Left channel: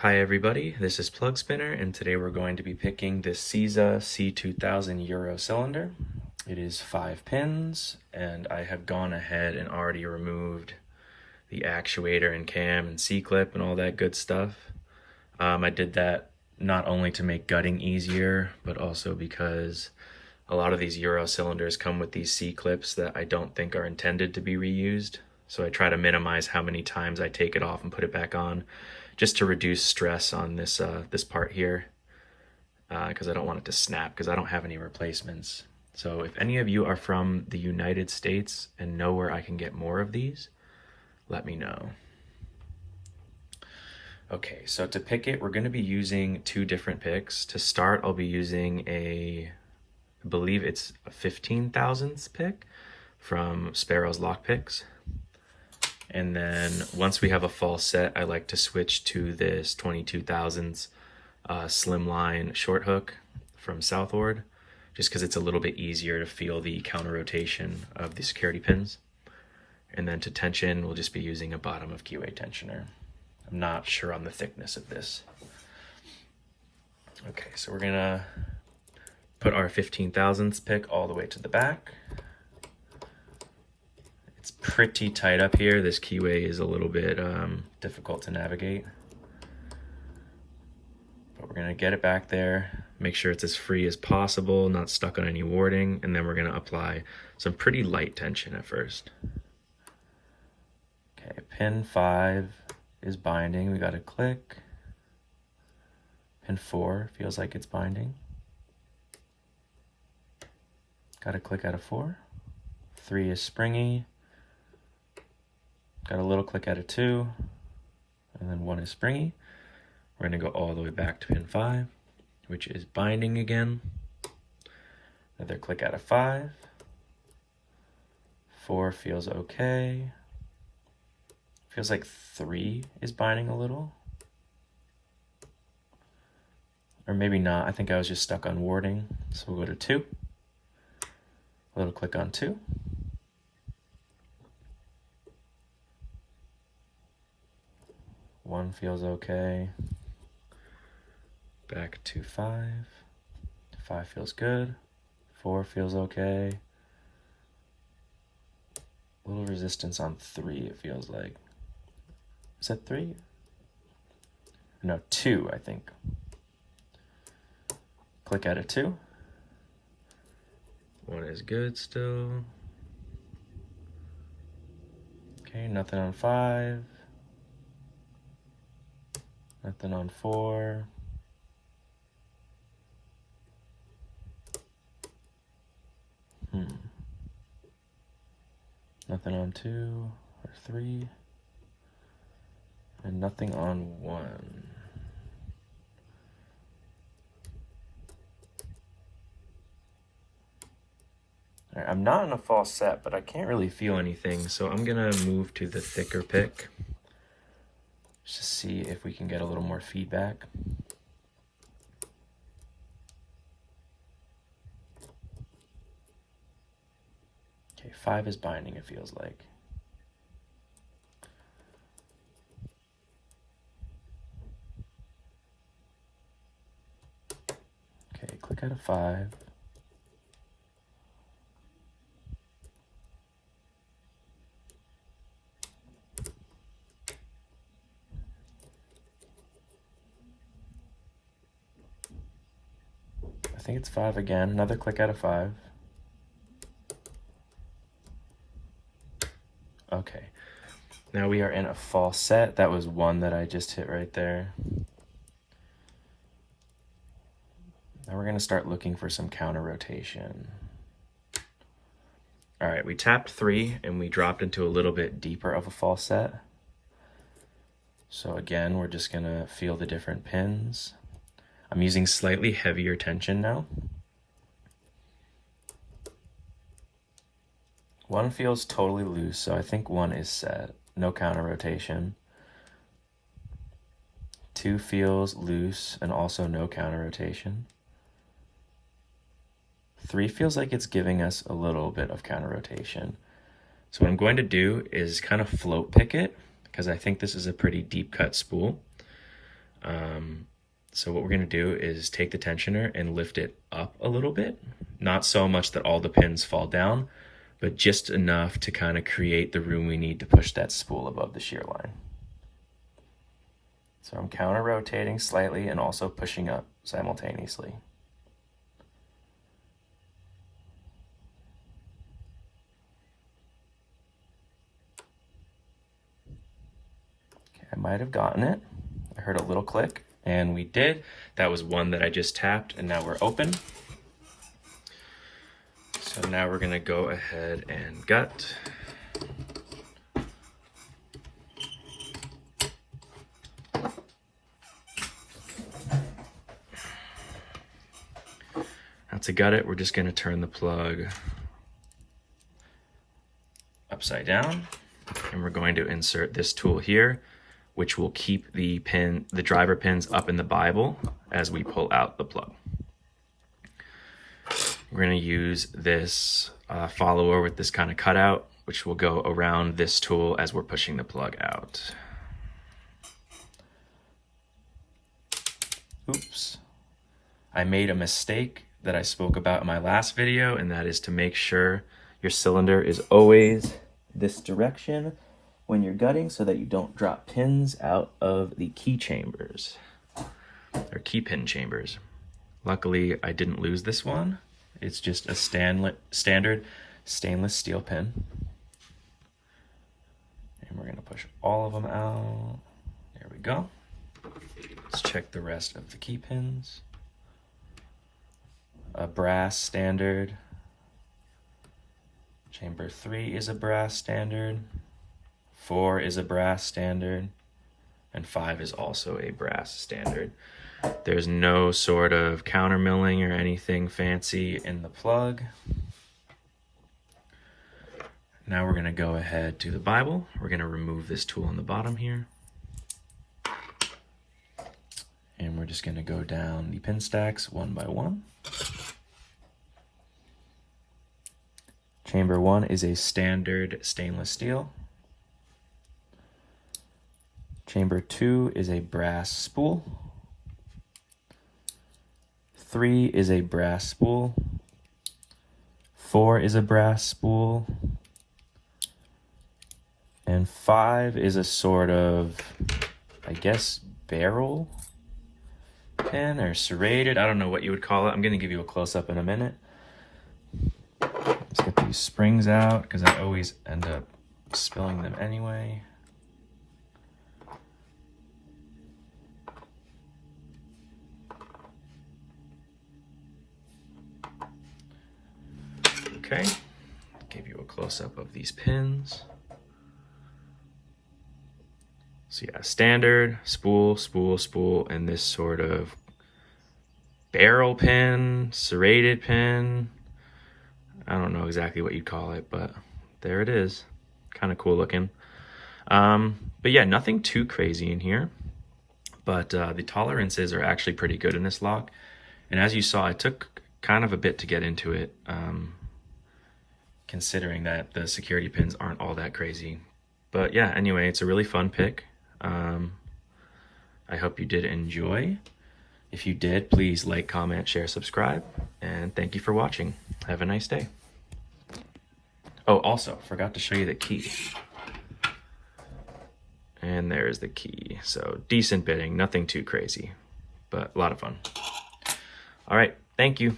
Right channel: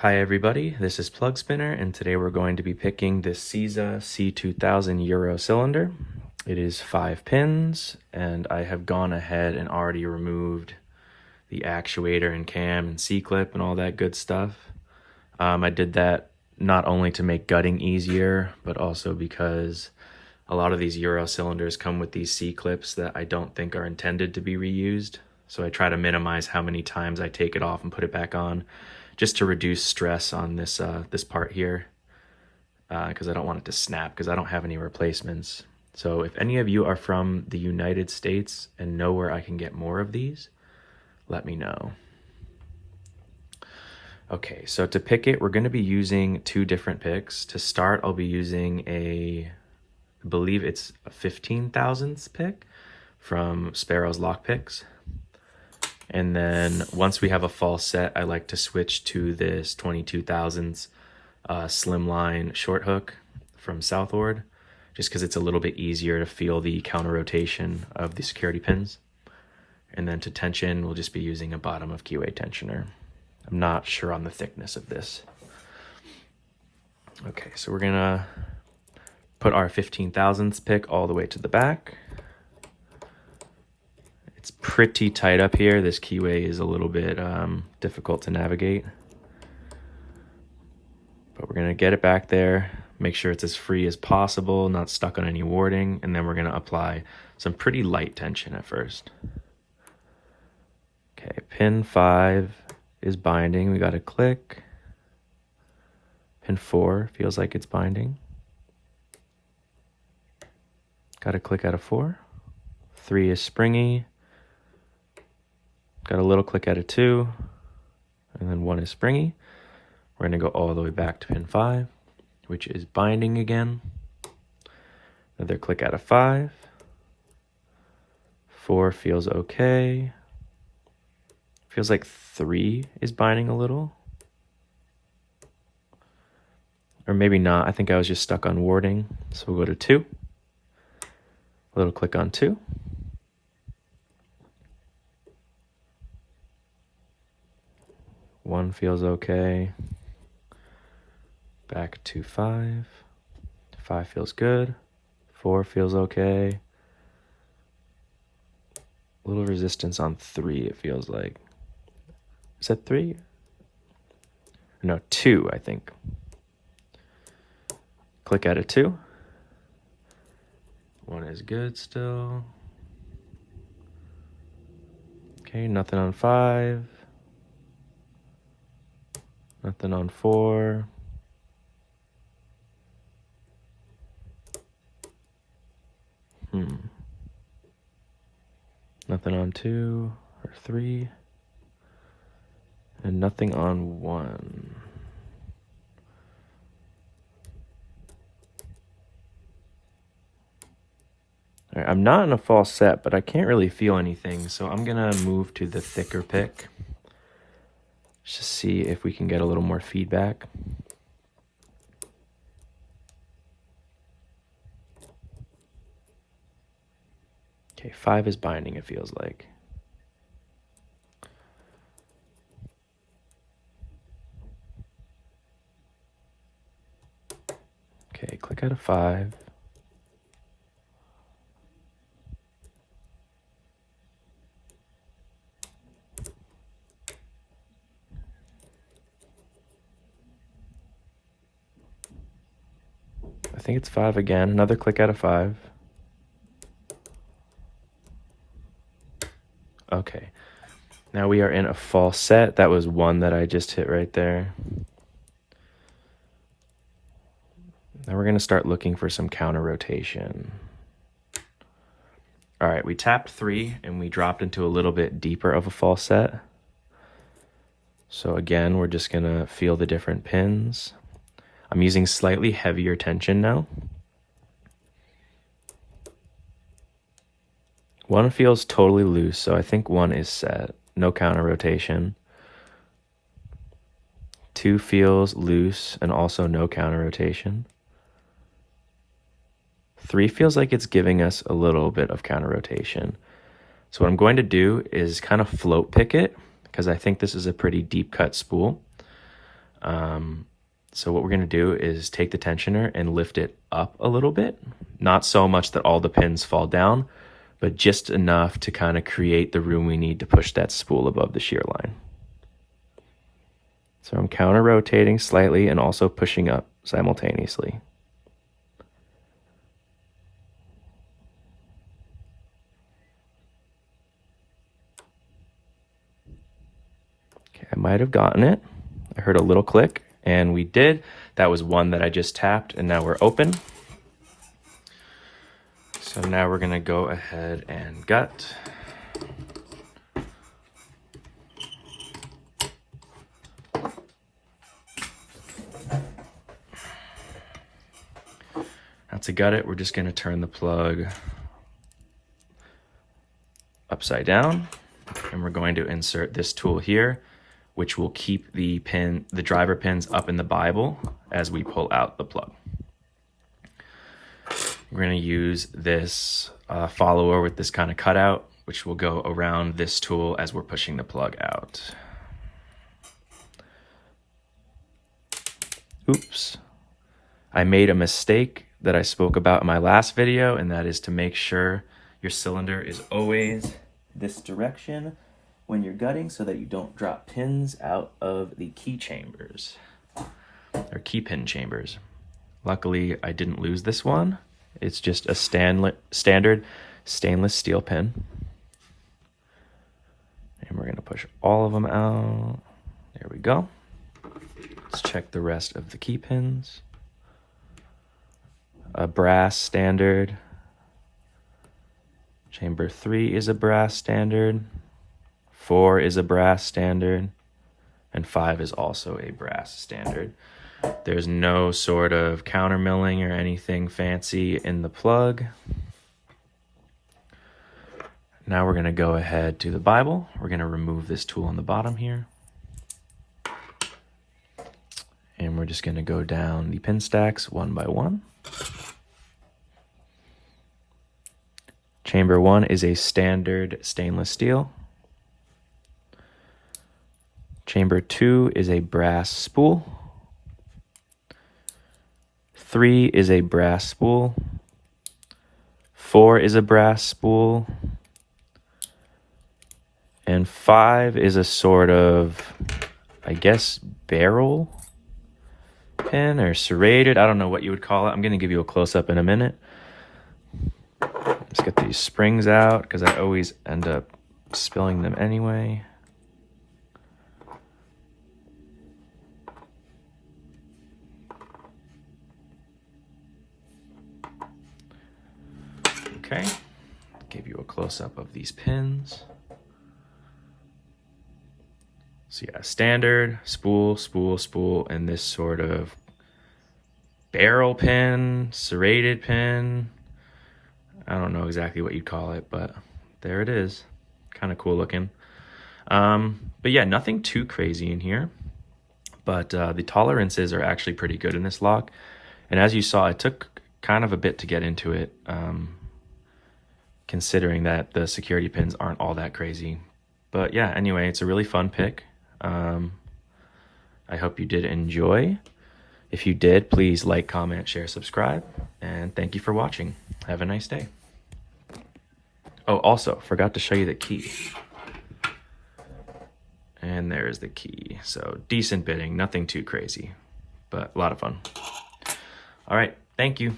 Hi everybody, this is Plugspinner, and today we're going to be picking this CISA C2000 Euro cylinder. It is 5 pins, and I have gone ahead and already removed the actuator and cam and C-clip and all that good stuff. I did that not only to make gutting easier, but also because a lot of these Euro cylinders come with these C-clips that I don't think are intended to be reused. So I try to minimize how many times I take it off and put it back on, just to reduce stress on this this part here, because I don't want it to snap, because I don't have any replacements. So if any of you are from the United States and know where I can get more of these, let me know. Okay, so to pick it, we're going to be using 2 different picks. To start, I'll be using I believe it's a 15 thousandths pick from Sparrow's Lockpicks. And then once we have a fall set, I like to switch to this 22 thousandths slimline short hook from Southward, just because it's a little bit easier to feel the counter rotation of the security pins. And then to tension, we'll just be using a bottom of QA tensioner. I'm not sure on the thickness of this. Okay, so we're gonna put our 15 thousandths pick all the way to the back. It's pretty tight up here. This keyway is a little bit difficult to navigate, but we're gonna get it back there, make sure it's as free as possible, not stuck on any warding, and then we're gonna apply some pretty light tension at first. Okay, pin 5 is binding. We got a click. Pin 4 feels like it's binding. Got a click out of 4. 3 is springy. Got a little click out of 2, and then 1 is springy. We're gonna go all the way back to pin 5, which is binding again. Another click out of 5. 4 feels okay. Feels like 3 is binding a little. Or maybe not, I think I was just stuck on warding. So we'll go to 2. A little click on 2. 1 feels okay. Back to 5. 5 feels good. 4 feels okay. A little resistance on 3, it feels like. Is that 3? No, 2, I think. Click out of 2. 1 is good still. Okay, nothing on 5. Nothing on 4. Nothing on 2 or 3. And nothing on 1. All right, I'm not in a false set, but I can't really feel anything, so I'm gonna move to the thicker pick. Just see if we can get a little more feedback. Okay, 5 is binding, it feels like. Okay, click out of 5. I think it's 5 again. Another click out of 5. Okay. Now we are in a false set. That was 1 that I just hit right there. Now we're going to start looking for some counter rotation. All right, we tapped 3 and we dropped into a little bit deeper of a false set. So again, we're just going to feel the different pins. I'm using slightly heavier tension now. 1 feels totally loose, so I think 1 is set. No counter rotation. 2 feels loose and also no counter rotation. 3 feels like it's giving us a little bit of counter rotation. So what I'm going to do is kind of float pick it, because I think this is a pretty deep cut spool. So what we're gonna do is take the tensioner and lift it up a little bit. Not so much that all the pins fall down, but just enough to kind of create the room we need to push that spool above the shear line. So I'm counter rotating slightly and also pushing up simultaneously. Okay, I might have gotten it. I heard a little click, and we did. That was one that I just tapped, and now we're open. So now we're gonna go ahead and gut. Now to gut it, we're just gonna turn the plug upside down, and we're going to insert this tool here, which will keep the driver pins up in the Bible as we pull out the plug. We're gonna use this follower with this kind of cutout, which will go around this tool as we're pushing the plug out. Oops. I made a mistake that I spoke about in my last video, and that is to make sure your cylinder is always this direction when you're gutting so that you don't drop pins out of the key chambers, or key pin chambers. Luckily, I didn't lose this one. It's just a standard stainless steel pin. And we're gonna push all of them out. There we go. Let's check the rest of the key pins. A brass standard. Chamber 3 is a brass standard. 4 is a brass standard. And 5 is also a brass standard. There's no sort of counter milling or anything fancy in the plug. Now we're gonna go ahead to the Bible. We're gonna remove this tool on the bottom here. And we're just gonna go down the pin stacks one by one. Chamber 1 is a standard stainless steel. Chamber 2 is a brass spool. 3 is a brass spool. 4 is a brass spool. And 5 is a sort of, I guess, barrel pin or serrated. I don't know what you would call it. I'm gonna give you a close-up in a minute. Let's get these springs out because I always end up spilling them anyway. Okay, give you a close-up of these pins. So yeah, standard, spool, spool, spool, and this sort of barrel pin, serrated pin. I don't know exactly what you'd call it, but there it is. Kind of cool looking. But yeah, nothing too crazy in here. But the tolerances are actually pretty good in this lock. And as you saw, it took kind of a bit to get into it, considering that the security pins aren't all that crazy. But yeah, anyway, it's a really fun pick. I hope you did enjoy. If you did, please like, comment, share, subscribe, and thank you for watching. Have a nice day. Oh, also, forgot to show you the key. And there's the key. So decent bitting, nothing too crazy, but a lot of fun. All right, thank you.